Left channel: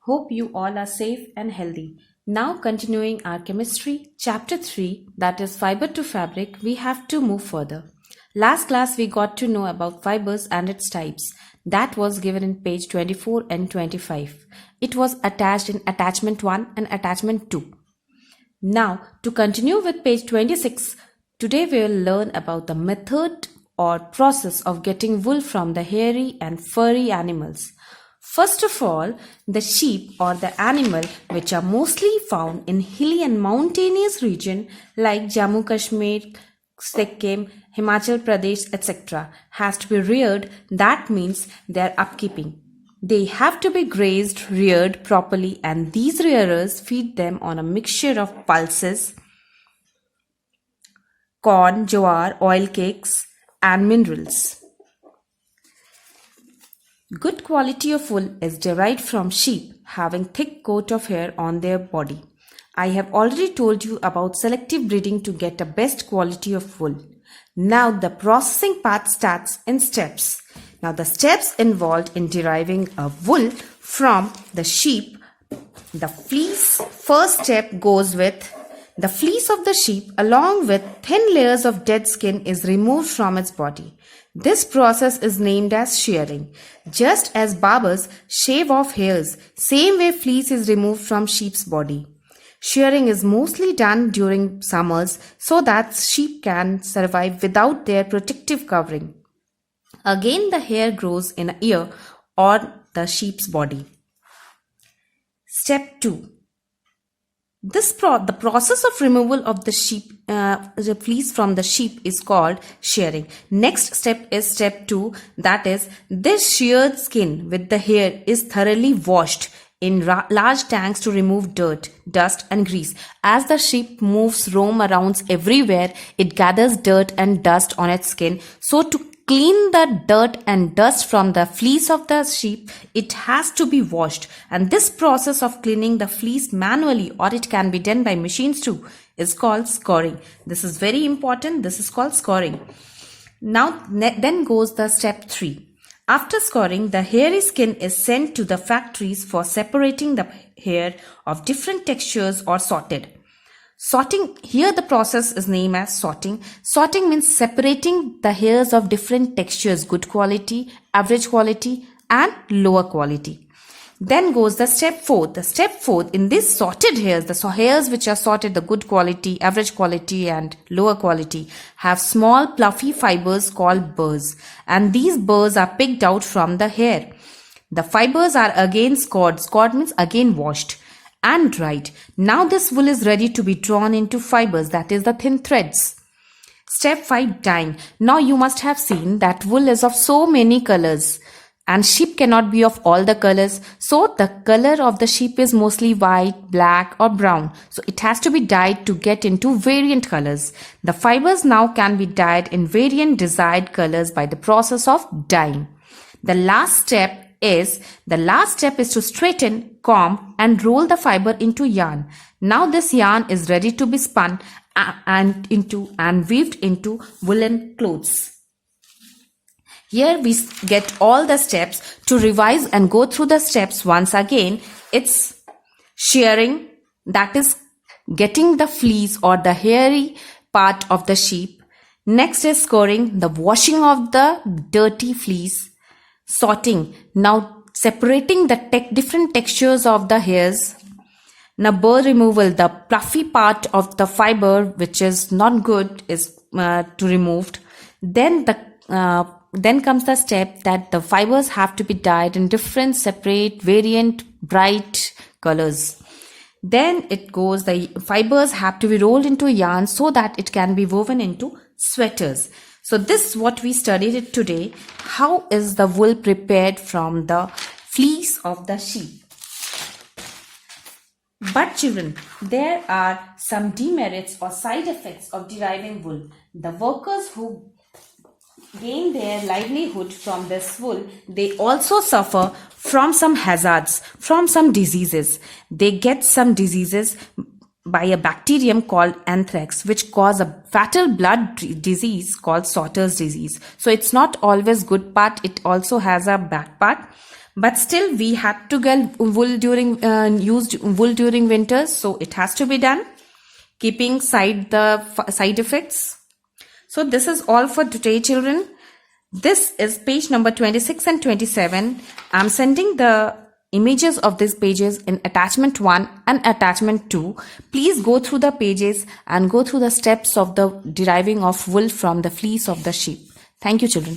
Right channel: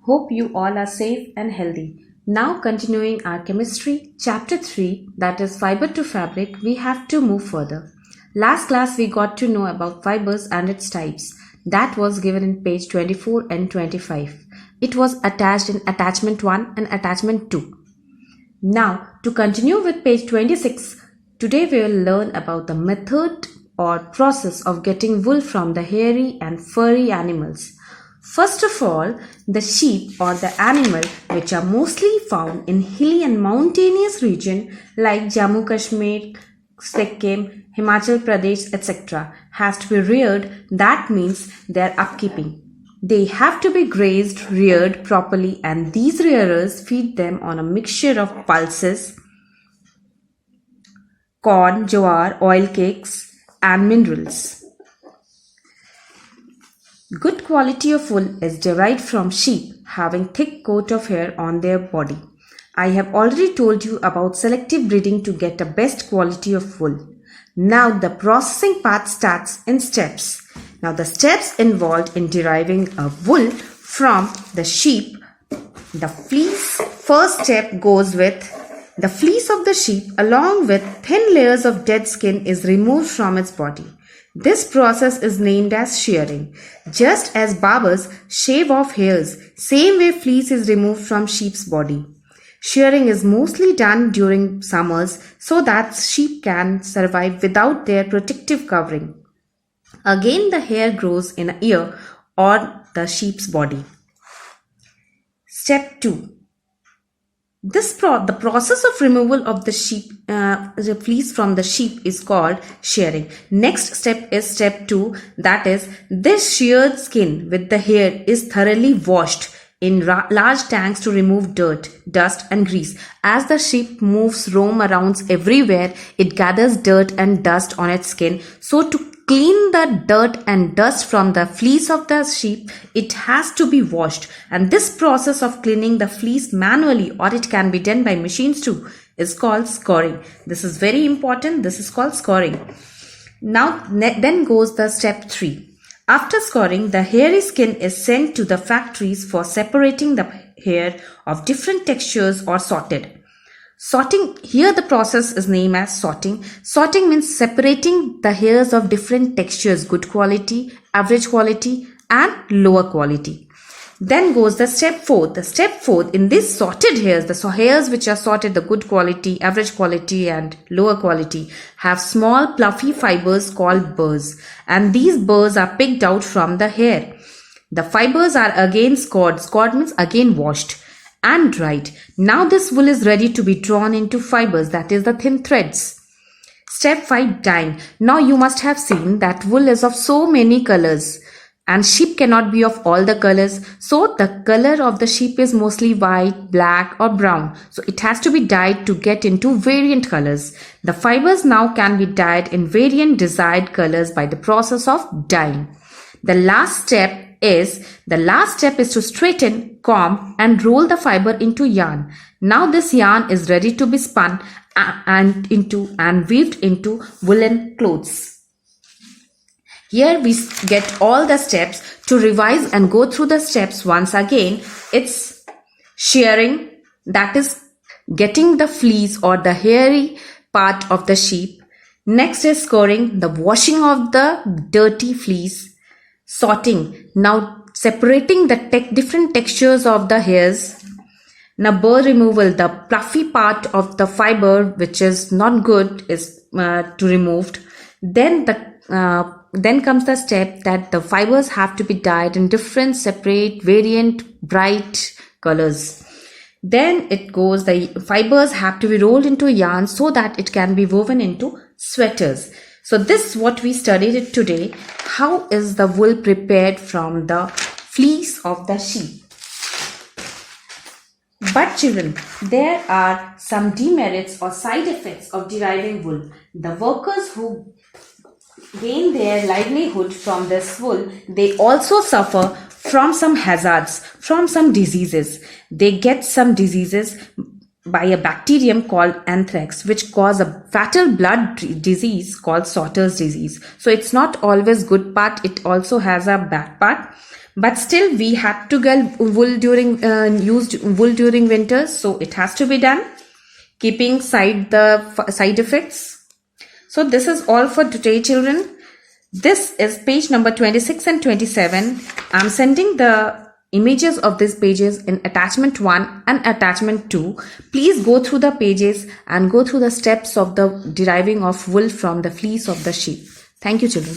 Hope you all are safe and healthy. Now, continuing our chemistry, chapter 3, that is fiber to fabric, we have to move further. Last class, we got to know about fibers and its types. That was given in page 24 and 25. It was attached in attachment 1 and attachment 2. Now, to continue with page 26, today we will learn about the method or process of getting wool from the hairy and furry animals. First of all, the sheep or the animal which are mostly found in hilly and mountainous region like Jammu Kashmir, Sikkim, Himachal Pradesh, etc. has to be reared. That means they are upkeeping. They have to be grazed, reared properly, and these rearers feed them on a mixture of pulses, corn, jowar, oil cakes, and minerals. Good quality of wool is derived from sheep having thick coat of hair on their body. I have already told you about selective breeding to get a best quality of wool. Now the processing part starts in steps. Now the steps involved in deriving a wool from the sheep. The fleece, first step goes with the fleece of the sheep along with thin layers of dead skin is removed from its body. This process is named as shearing. Just as barbers shave off hairs, same way fleece is removed from sheep's body. Shearing is mostly done during summers so that sheep can survive without their protective covering. Again, the hair grows in an ear or the sheep's body. Step 2. The process of removal of the fleece from the sheep is called shearing. Next step is step 2, that is, this sheared skin with the hair is thoroughly washed in large tanks to remove dirt, dust and grease. As the sheep roam around everywhere, it gathers dirt and dust on its skin. So to clean the dirt and dust from the fleece of the sheep, it has to be washed. And this process of cleaning the fleece manually, or it can be done by machines too, is called scouring. This is very important. This is called scouring. Now, then goes the step 3. After scouring, the hairy skin is sent to the factories for separating the hair of different textures or sorted. Sorting, here the process is named as sorting. Sorting means separating the hairs of different textures, good quality, average quality and lower quality. Then goes the step 4. The step 4, in this sorted hairs, the hairs which are sorted, the good quality, average quality and lower quality, have small fluffy fibers called burrs. And these burrs are picked out from the hair. The fibers are again scoured. Scoured means again washed and dried. Now this wool is ready to be drawn into fibers, that is the thin threads. Step 5, dyeing. Now you must have seen that wool is of so many colors and sheep cannot be of all the colors. So the color of the sheep is mostly white, black or brown. So it has to be dyed to get into variant colors. The fibers now can be dyed in variant desired colors by the process of dyeing. The last step is to straighten, comb and roll the fiber into yarn. Now this yarn is ready to be spun and weaved into woolen clothes. Here we get all the steps. To revise and go through the steps once again, it's shearing, that is getting the fleece or the hairy part of the sheep. Next is scouring, the washing of the dirty fleece. Sorting, now separating the different textures of the hairs. Now burr removal, the fluffy part of the fiber which is not good is to removed. Then comes the step that the fibers have to be dyed in different separate variant bright colors. Then it goes, the fibers have to be rolled into yarn so that it can be woven into sweaters. So this is what we studied today. How is the wool prepared from the fleece of the sheep? But children, there are some demerits or side effects of deriving wool. The workers who gain their livelihood from this wool, they also suffer from some hazards, from some diseases. They get some diseases by a bacterium called anthrax, which cause a fatal blood disease called Sauter's disease. So it's not always good part, it also has a bad part. But still we had to get wool during used wool during winters, so it has to be done, keeping the side effects. So this is all for today, children. This is page number 26 and 27. I'm sending the images of these pages in attachment 1 and attachment 2. Please go through the pages and go through the steps of the deriving of wool from the fleece of the sheep. Thank you, children.